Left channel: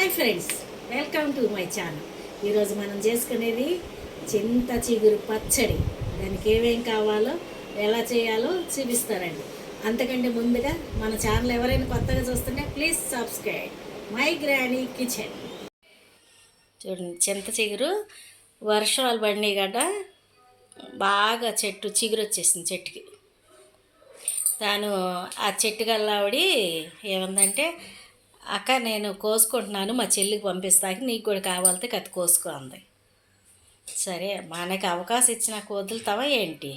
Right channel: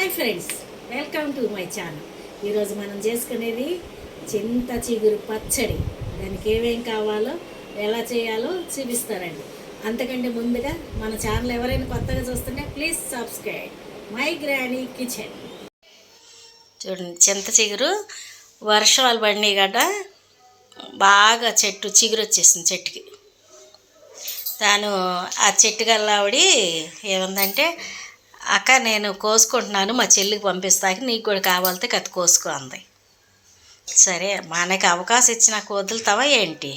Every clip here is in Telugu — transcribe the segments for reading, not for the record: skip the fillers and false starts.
Hi friends, welcome to my channel. ఈరోజు మనం చేసుకునేది చింత చిగురు పచ్చడి. దానికి ఏమేం కావాలో ఎలా చేయాలో చూపిస్తారండి. అంతకంటే ముందుగా మన ఛానల్ ఎవరైనా కొత్తగా చూస్తుంటే please subscribe my granny kitchen. చూడండి, చింత చిగురు వర్షాలు పడినాయి కదా, బాగా చిగురు వచ్చేసింది చెట్టుకి. తాను ఆ చెట్టు గల్లావిడి ఏముందంటే, అక్క నేను కోసుకుంటున్నాను, మా చెల్లికి పంపిస్తాకి, నీకు కూడా కావాలితే కత్తి కోసుకో అంది. సరే, మనకి అవకాశం ఇచ్చి వదులుతావా ఏంటి?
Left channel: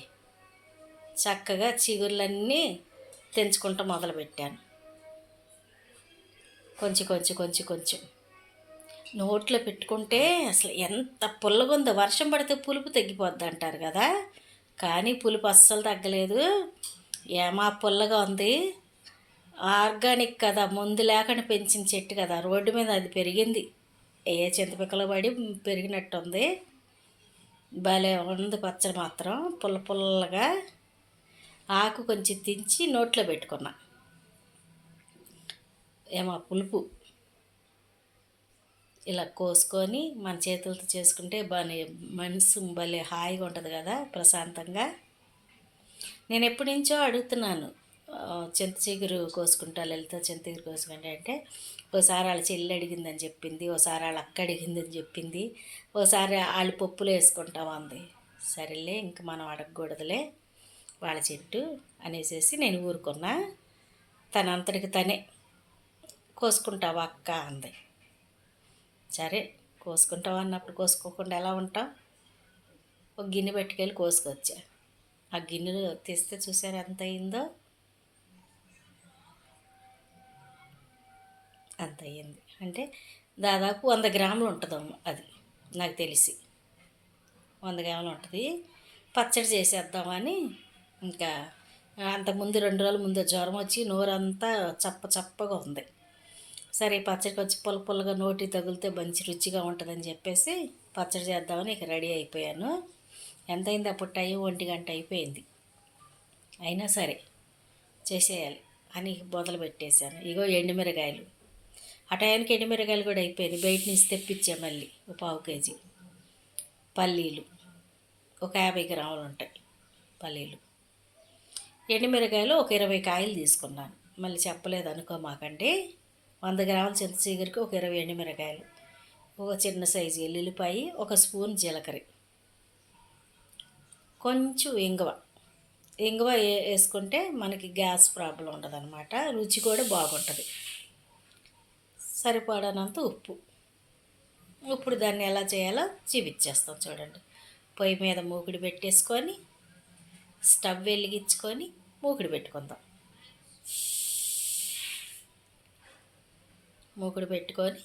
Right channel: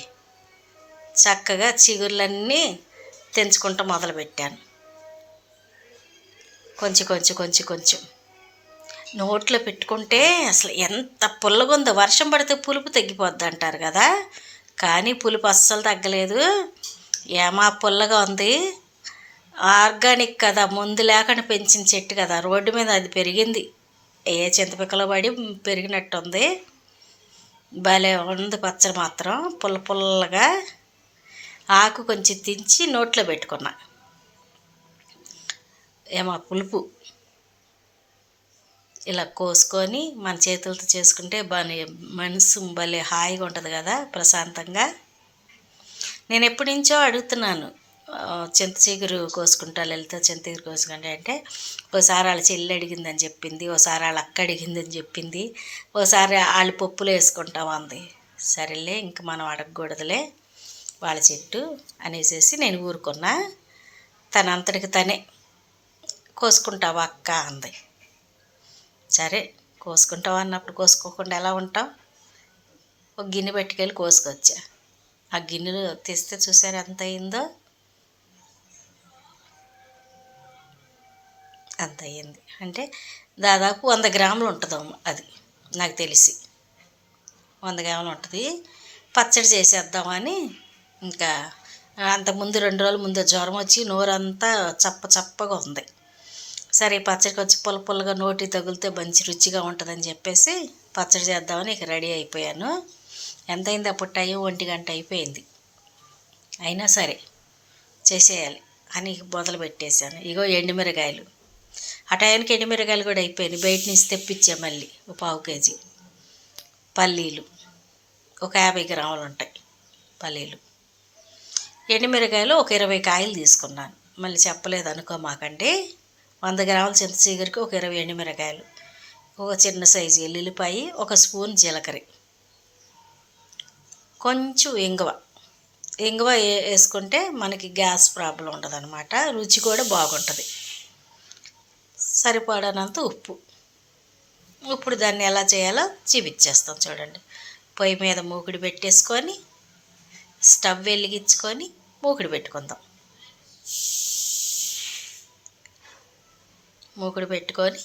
చక్కగా చిగుర్లన్నీ తెంచుకుంటూ మొదలుపెట్టాను. కొంచెం కొంచెం కొంచెం కొంచెం నోట్లో పెట్టుకుంటే అసలు ఎంత పుల్లగుందో. వర్షం పడితే పులుపు తగ్గిపోద్ది అంటారు కదా, కానీ పులుపు అస్సలు తగ్గలేదు. ఏమా పుల్లగా ఉంది. ఆర్గానిక్ కదా, మందు లేకుండా పెంచిన చెట్టు కదా, రోడ్డు మీద అది పెరిగింది. ఏ చింతపిక్కలో పడి పెరిగినట్టుంది. భలే ఉంది పచ్చడి మాత్రం, పుల్ల పుల్లగా. ఆకు కొంచెం దించి నోట్లో పెట్టుకున్నా. ఏమో పులుపు ఇలా కోసుకొని మన చేతులతో చేసుకుంటే భలే మనసు భలే హాయిగా ఉంటుంది కదా, ప్రశాంతంగా. నేను ఎప్పటి నుంచో అడుగుతున్నాను, చింత చిగురు కోసుకుంటా లలిత, చింత చిగురు కోసుకుంటా అంటే, ఓసారి వాళ్ళ చెల్లి అడిగిందని చెప్పింది, ఓసారి వాళ్ళ అక్క అడిగిందని చెప్పింది, ఓసారి వాళ్ళు పప్పులు వేసుకుంటాం అంది. సరేలే, ఇంక మనం అడగకూడదులే, వాళ్ళ చెట్టు అనేసి నేను ఊరుకున్నా. తనంతటికి తనే కోసుకుంటావా అక్క అంది. సరే, కోసుకుంటావా అన్నప్పుడు కోసుకోకుండా ఎలా ఉంటాం. ఒక గిన్నె పట్టుకెళ్ళి కోసుకొచ్చా. ఆ గిన్నెలో తెస్తే చూసారు ఎంత అయిందో, అంత అయ్యింది. అంటే దాదాపు 100 గ్రాములు ఉంటుందేమో, అది నాకు తెలిసి 100 గ్రాములు ఉంటుంది. పచ్చడి చేసేద్దామని, ఇంకా అంతకుముందు 2 రోజుల ముందు జ్వరం వచ్చి నోరంతా చప్పగా ఉంది. సరే, పచ్చడి కొంచెం పుల్ల పుల్లగా నోటి తగిలితే మంచి రుచిగా ఉంటుందని చెప్పేసి పచ్చడి చేద్దామని ఇక రెడీ అయిపోయాను. ఎంత అయింది అప్పుడు టైం? 1 గంట అయిపోయింది. అయినా సరే చేసేయాలి అని మొదలు పెట్టేశాను. ఇగో ఎండుమిరకాయలు, ఆ టైంకి ఎండుమిరకాయలు కూడా అయిపోయినాయి. బయట నుంచి తెప్పించా మళ్ళీ ఒక 1/2 కేజీ. పల్లీలు ఒక 50 గ్రాములు ఉంటాయి. పల్లీలు, ఎండుమిరకాయలు ఒక 20 కాయలు తీసుకున్నాను. మళ్ళీ చెప్పలేదు అనుకోమాకండి. 100 గ్రాముల చింత చిగురికి ఒక 20 ఎండుమిరకాయలు, ఒక చిన్న సైజు ఎల్లుల్లిపాయ, ఒక స్పూన్ జీలకర్ర, కొంచెం ఇంగువ వేసుకుంటే మనకి గ్యాస్ ప్రాబ్లం ఉండదు అనమాట. రుచి కూడా బాగుంటుంది. సరిపడనంత ఉప్పు. ఇప్పుడు దాన్ని ఎలా చేయాలో చూపించేస్తాం చూడండి. పొయ్యి మీద మూకుడు పెట్టేసుకొని స్టవ్ వెలిగించుకొని మూకుడు పెట్టుకుందాం. మూకుడు పెట్టుకొని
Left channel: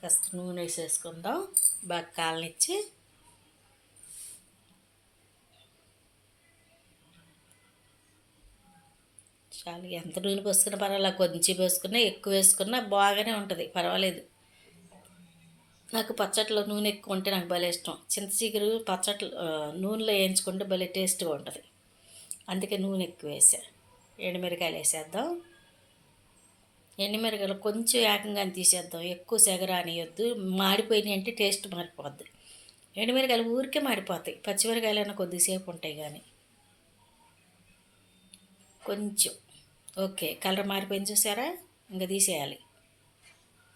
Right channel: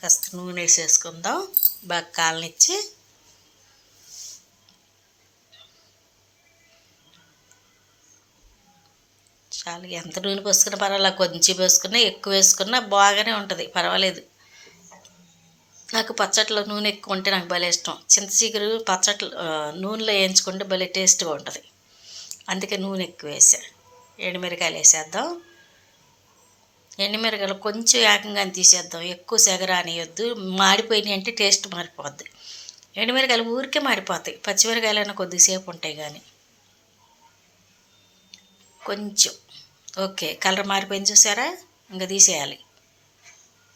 కాస్త నూనె వేసేసుకుందాం. బాగా కాలనిచ్చి చాలా, ఎంత నూనె పోసుకున్నా పర్వాలేదు, కొంచెం పోసుకున్నా ఎక్కువ వేసుకున్నా బాగానే ఉంటుంది, పర్వాలేదు. నాకు పచ్చట్లో నూనె ఎక్కువ ఉంటే నాకు భలే ఇష్టం. చింత చిగురు పచ్చట్లు నూనెలో వేయించుకుంటే భలే టేస్ట్గా ఉంటుంది. అందుకే నూనె ఎక్కువ వేసా. ఎండుమిరకాయలు వేసేద్దాం. ఎండుమిరకాయలు కొంచెం ఏకంగానే తీసేద్దాం, ఎక్కువ సెగరానియొద్దు. మాడిపోయినాయి అంటే టేస్ట్ మారిపోద్ది. ఎండుమిరకాయలు ఊరికే మాడిపోతాయి, పచ్చిమిరకాయలైనా కొద్దిసేపు ఉంటాయి కానీ. కొంచెం ఓకే, కలర్ మారిపోయింది చూసారా, ఇంకా తీసేయాలి.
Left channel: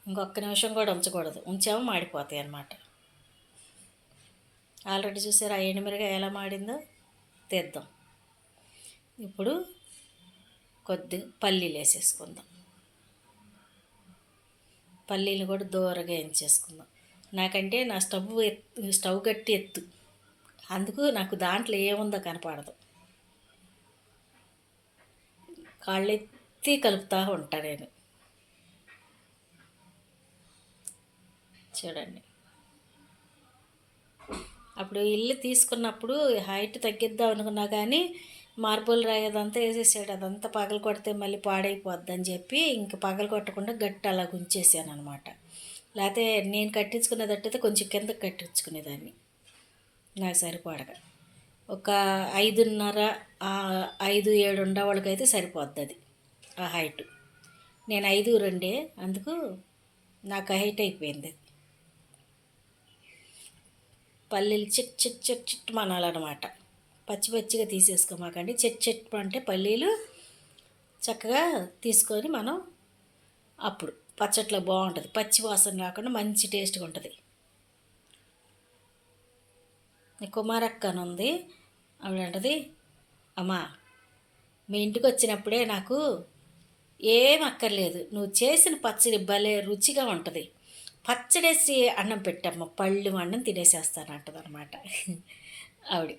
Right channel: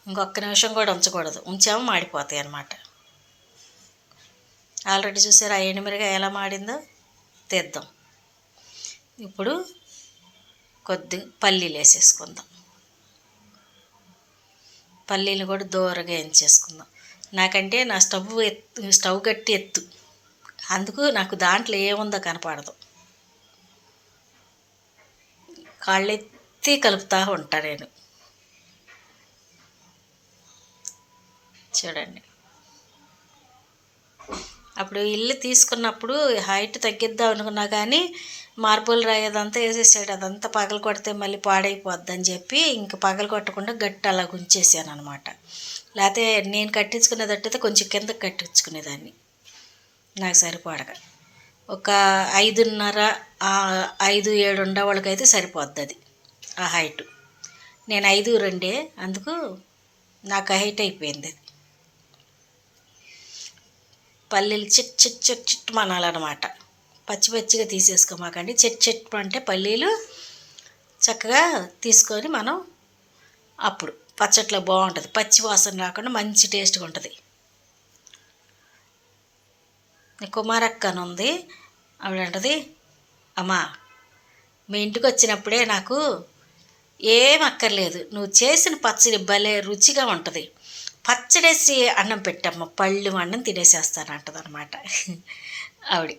ఇంకొక నిమిషం కూడా ఉంచకూడదు, ఉంచామో మాడిపోతాయి అన్నమాట. ఆల్రెడీ చూసారా ఆ ఎండుమిరకాయ ఎలా మాడిందో. తీద్దాం. ఇప్పుడు కొద్దిగా పల్లీలు వేసేసుకుందాం. పల్లీలు కూడా దూరగా వేయించేసుకుందాం. నాకంటే నా స్టవ్ గట్టి ఎత్తు, అందుకు నాకు దాంట్లో ఏముందో కనపడదు. కాళ్ళెత్తి కలుపుతూ ఉంటా నేను. చూడండి, అప్పుడు ఇల్లు తీసుకున్నప్పుడు హైట్ తగ్గిద్దాం అనుకున్నా కానీ మార్బుల్ రాయి అదంతా వేసేసాడు. అదంతా పగలు కొడితే మళ్ళీ పాడైపోద్ది అని చెప్పి ఇంక పగలు కొట్టకుండా గట్టి అలా ఉంచేసాను అనమాట. లేకపోతే నేను కట్టించుకునేటట్టయితే కొంచెం కిందకి కట్టించుకునేదాన్ని, నాకు సరిపడగా. ఒక 5.5 5-7 ఉండేవాళ్ళకైతే సరిపోద్ది అది, ఆ హైటు. నేను 5'2", అందుకు నాకు హైట్ అయిపోయింది. పల్లీలు చిట్ చిట్ చిట్ చిట్ మనాలన్నమాట. పచ్చి పచ్చిగా తీసేసుకోమాకండి. చిట్ చిట్ అంటే పల్లీలు చక్కగా తీసుకొని మనం అప్పుడు పచ్చట్లో బాగుంటుంది. పచ్చి వాసన రాకుండా మంచి టేస్ట్గా ఉంటుంది. కుమారక్క అని ఉంది, ఆవిడ అంటది, అమ్మా మీ ఇంటికి వచ్చినప్పుడే నాకు ఏం అక్కర్లేదు, నువ్వు చేసిన పచ్చడి భలే రుచిగా ఉంటుంది, పచ్చడేసి అన్నం పెట్టమ్మా, పళ్ళు అన్నం తినేసేస్తాను అంటదనమాట ఆవిడ.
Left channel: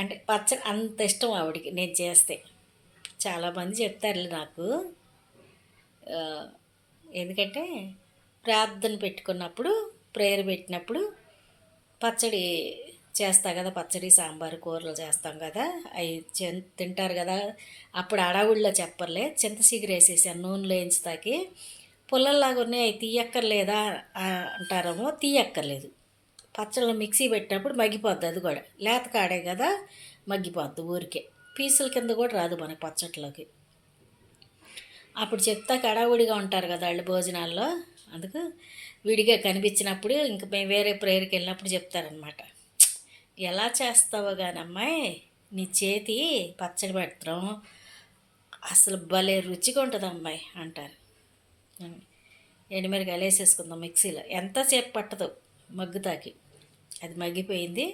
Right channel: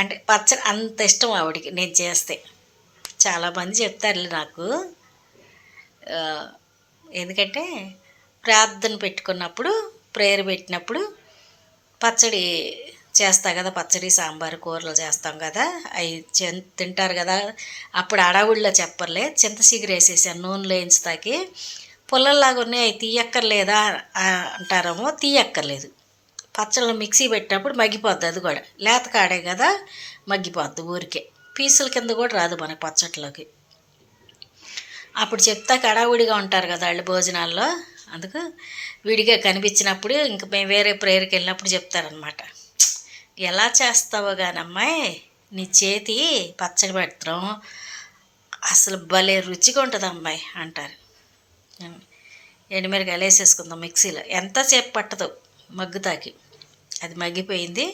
అంటే పచ్చడి అంత ఇష్టం ఆవిడకి నేను చేస్తే. చాలామంది చెప్తారు నాకు, ఎందుకంటే ప్రార్థన పెట్టుకున్నప్పుడు, ప్రేయర్ పెట్టినప్పుడు పచ్చడి చేస్తా కదా, పచ్చడి సాంబారు కూరలు చేస్తాం కదా, అవి తింటారు కదా. అప్పుడు అడవుల్లో చెప్పర్లే, చింత చిగురు వేసేసాను నూనెలో వేయించుతాకి, పుల్లల్లాగా ఉన్నాయి అవి తీయక్కర్లేదా అంటారేమో, తీయక్కర్లేదు. పచ్చళ్ళు మిక్సీ పెట్టినప్పుడు మగ్గిపోద్ది, అది కూడా లేత కాడే కదా మగ్గిపోద్ది ఊరికే, పీసుల కింద కూడా రాదు మనకి పచ్చట్లోకి. అప్పుడు చెప్తా కడావుడిగా ఉంటారు కదా వాళ్ళు భోజనాల్లో, అందుకు విడిగా కనిపించినప్పుడు ఇంక మేము వేరే ప్రేయర్కి వెళ్ళినప్పుడు చెప్తారనమాట, ఎలా చేస్తావో కానీ అమ్మాయి నీ చేతి పచ్చడి పెడతాం అసలు భలే రుచిగా ఉంటుంది అమ్మాయి అంటారు. ఎండుమిరకాయలు వేసేసుకుందాం మిక్సీలో, ఎంతసేపు పట్టదు మగ్గుతాకి. అది మగ్గిపోయింది,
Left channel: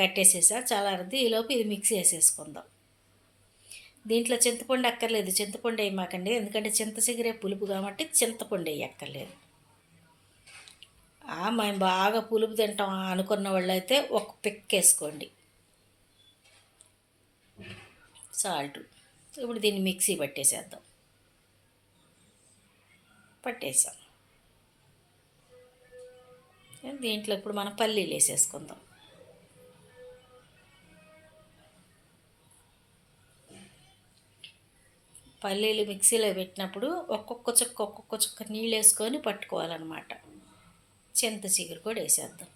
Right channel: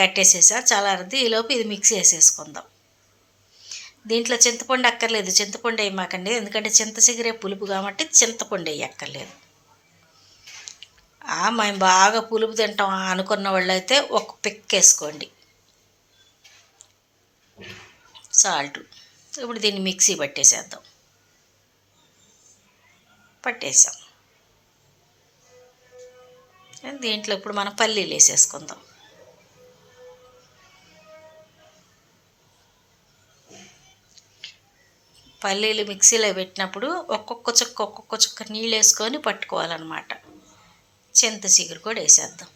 కట్టేసేసా చల్లారద్ది. ఈలోపు ఇది మిక్సీ వేసేసుకుందాం. దీంట్లో చింతపండు అక్కర్లేదు, చింతపండు వేయమాకండి, ఎందుకంటే చింత చిగురే పులుపు కాబట్టి చింతపండు వేయక్కర్లేదు. మేము బాగా పులుపు తింటాం అనుకున్న వాళ్ళు అయితే ఒక పిక్ వేసుకోండి సాల్ట్. ఇప్పుడు దీన్ని మిక్సీ పట్టేసేద్దాం. పట్టేసాం. దీంట్లో ఇప్పుడు మనం పల్లీలు వేసేసుకుందాం. పల్లీలు మిక్సీలో పెట్టినప్పుడు ఒక్కొక్క చుక్క నీళ్ళు వేసుకొని పట్టుకోవాలన్నమాట. చింత చిగురు కూడా వేసేద్దాం.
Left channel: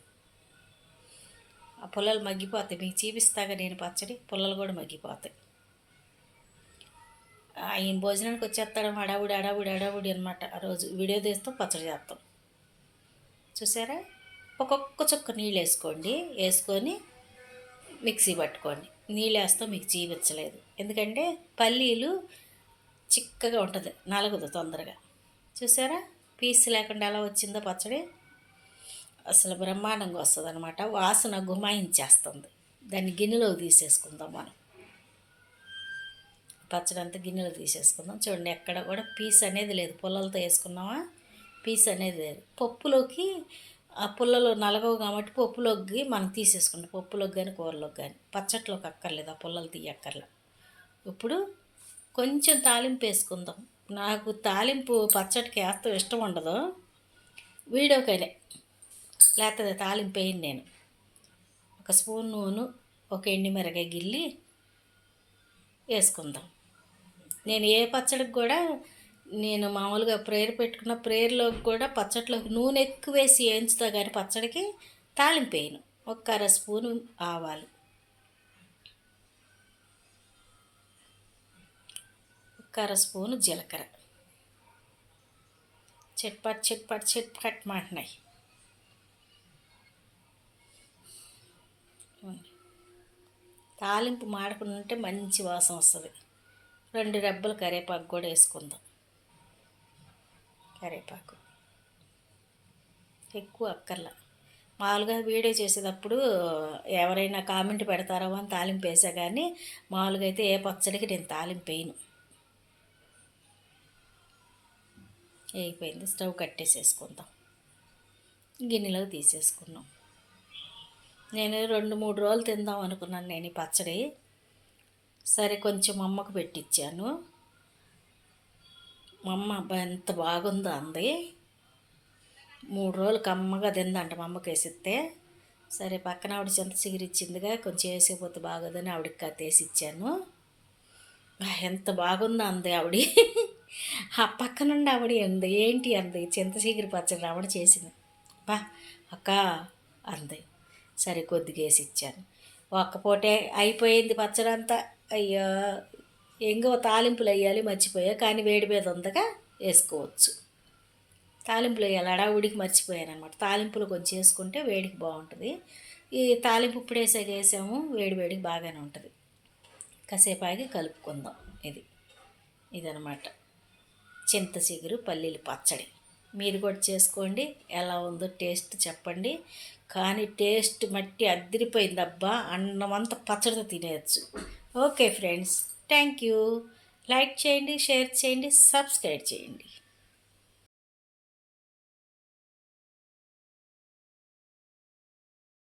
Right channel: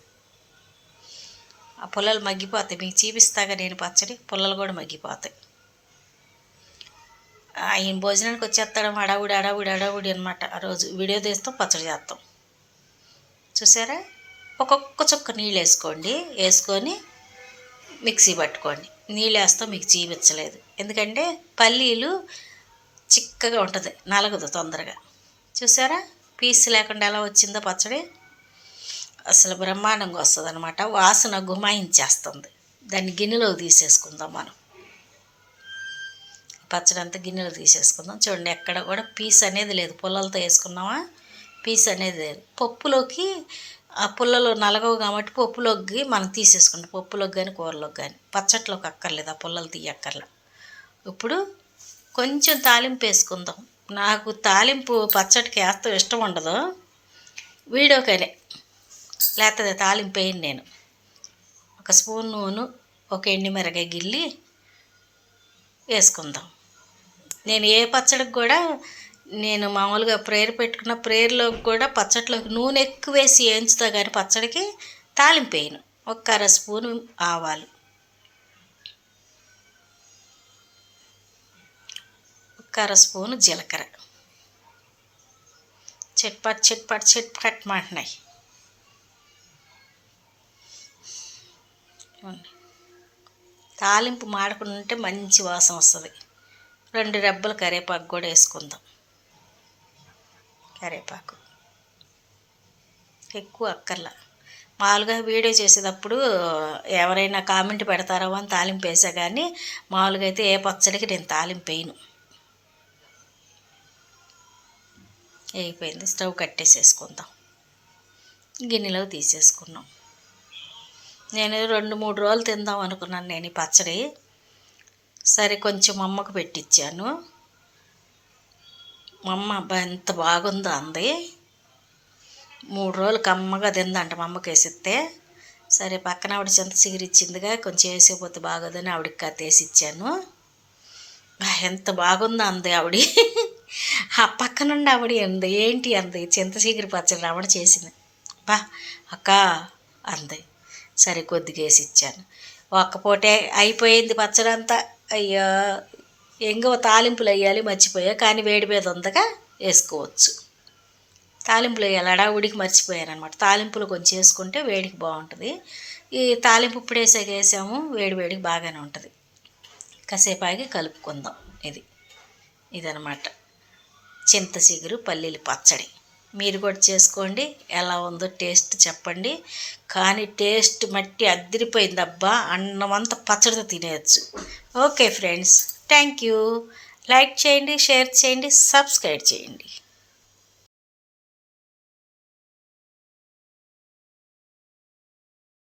ఆ పుల్లలు మగ్గిపోతాయి, మీకు చూపిస్తాగా నేను పచ్చడి, పుల్లలు కూడా మగ్గిపోతాయి. ఆయన భోజనానికి వచ్చేస్తాడు అడావుడి అనమాట. ఆ రోజు వీడియో తీస్తాం, పచ్చడి చేస్తాం. చూసారా, ఒక్కొక్క చుక్క నీళ్ళు వేసుకోండి, వేసుకొని మిక్సీ పట్టుకోండి. నీళ్ళు వేస్తాం మీకు చూపించలేదు, ఎందుకంటే పల్లీలు చిక్కగా ఉంటుంది, నలగదు తొందరగా. చూసారా పీస్ లేకుండా ఎలా వచ్చిందో పచ్చడి, అసలు బ్రహ్మాండంగా వస్తుంది అనమాట. వాసన గుమాయించేస్తుంది. దాన్ని గిన్నెలో తీసేసుకుందాం మనం. పచ్చడి అంతా గిన్నెలో తీసేసుకుందాం. చూడండి ఎక్కడ కూడా పీస్ అనేది లేదు, పుల్లలతో వేసుకున్నామా పీస్ అనేది లేదు. పప్పులోకి ఆ పుల్లలు నలగవు కాబట్టి పప్పులోకి మనం తీసేసుకుంటాం, పప్పులోకి కానీ కూరలోకి కానీ. పచ్చట్లోకి అక్కర్లేదు, ఆ పుల్లలు తీయక్కర్లే. ఇప్పుడు కొంచెం తాలింపు వేసుకుందాం. నాకు తాలింపు పచ్చడికి వేస్తాం ఇష్టం ఉండదు, వీడియోకనే లేకపోతే తాలింపు వేయను నేను. ఒక స్పూన్ నూనె, ఒక ఎండుమిరకాయ గిల్లి వేసుకుందాం. నేను ఏ పచ్చడికి కూడా, నేను మామూలుగా ప్రేయర్ పెట్టుకున్న ప్రేయర్లోకి కూడా పచ్చడిలోకి నూనె ఎక్కువ వేసి వేయించుతా, కానీ పచ్చడికి తాలింపు వేయను. ఒక అర స్పూను ఆవాలు, ఒక అర స్పూను జీలకర్ర, చిట్పట్ చిట్పట్ చిట్పట్ మాంటున్నాయి. తాలింపు మాడకుండా ఉంటే మంచి వాసన వస్తుంది. 2 రెబ్బలు కరివేపాకు కూడా వేసుకుందాం. కరివేపాకు ఎక్కువ అక్కర్లా. మామూలుగా వీడియో చేసేటప్పుడు ఎవరైనా కామెంట్ పెడతారో అని తాలింపు వేసా, కానీ మామూలుగా అయితే ఏ పచ్చడికి నేను తాలింపు వేయను. అయిపోయింది, స్టవ్ కట్టేసేసుకుందాం. గిన్నెలో తీసేసుకున్నాం. నేను 2-3 రోజులు తిందాం అనుకున్నాను నేను ఈ పచ్చడి. సరే కొంచెం మా అమ్మకు పెట్టించాను. మా అమ్మ అబ్బాయి ఎంత బాగుందో అంది. 3 రోజులు కమ్మగా తిందంట మా అమ్మకి వేసిస్తే. సరే పక్కన ఆవిడ చింత చిగురు ఇచ్చిందిగా, కొంచెం వేసేపోతే బాగోదని ఆవిడకి కత్తేసి ఇచ్చాను. ఎంత బాగుందో అంది ఆవిడ. ఆ పక్క నుండి ఆవిడ అంది, ఏంటి అంది, చింత చిగురు పచ్చడి ఆవిడ చేసింది. బా అక్క అంది. సరే కొద్దిగా వేసి ఇచ్చాను. ఒక్కపూటే అయిపోయింది పచ్చడి అంతా. అయ్యో ఎంగో తాలింపులు వేయాలి మర్చిపోయా, కానీ వేడి మీద ఉందగా వేసుకోవచ్చు. తాలింపులు వేయాలి, హడావుడికి మర్చిపోయాను అనమాట. తాలింపులు కొంచెం వేసుకుంటే వేడికి బాగుంటుంది. ఈ తాలింపు ఇప్పుడు వేసాము, వేడి వేడికి బాగానే ఉంటుంది. కాసేపు ఆగి కలుపుకుందాం. ఇదనమాట చింత చిగురు పల్లీలు పచ్చడి. మీరు కూడా చేసుకోండి, ఎలా ఉందో టేస్ట్ చెప్పండి. కానీ టేస్ట్ మట్టి అద్దరిపోయింది అబ్బా, అన్నమంతా పచ్చడితో తినేయచ్చు. Okay friends, thank you. Like చేయండి, షేర్ చేయండి, సబ్స్క్రైబ్ చేయండి.